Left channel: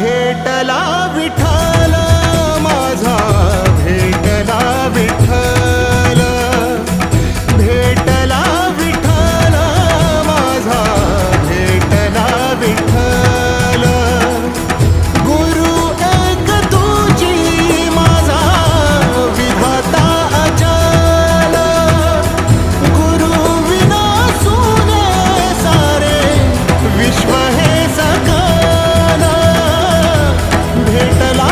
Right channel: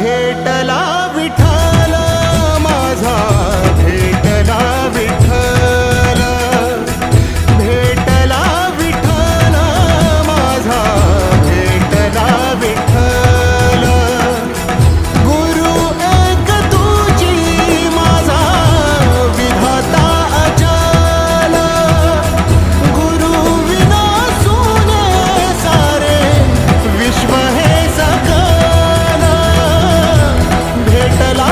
भेटला विठ्ठल माझा, भेटला विठ्ठल, भेटला विठ्ठल माझा, भेटला विठ्ठल. गुरु एक तुझी माझा विधाता अचल, गुरु विना सुने सारे विश्व हे सकल. भेटला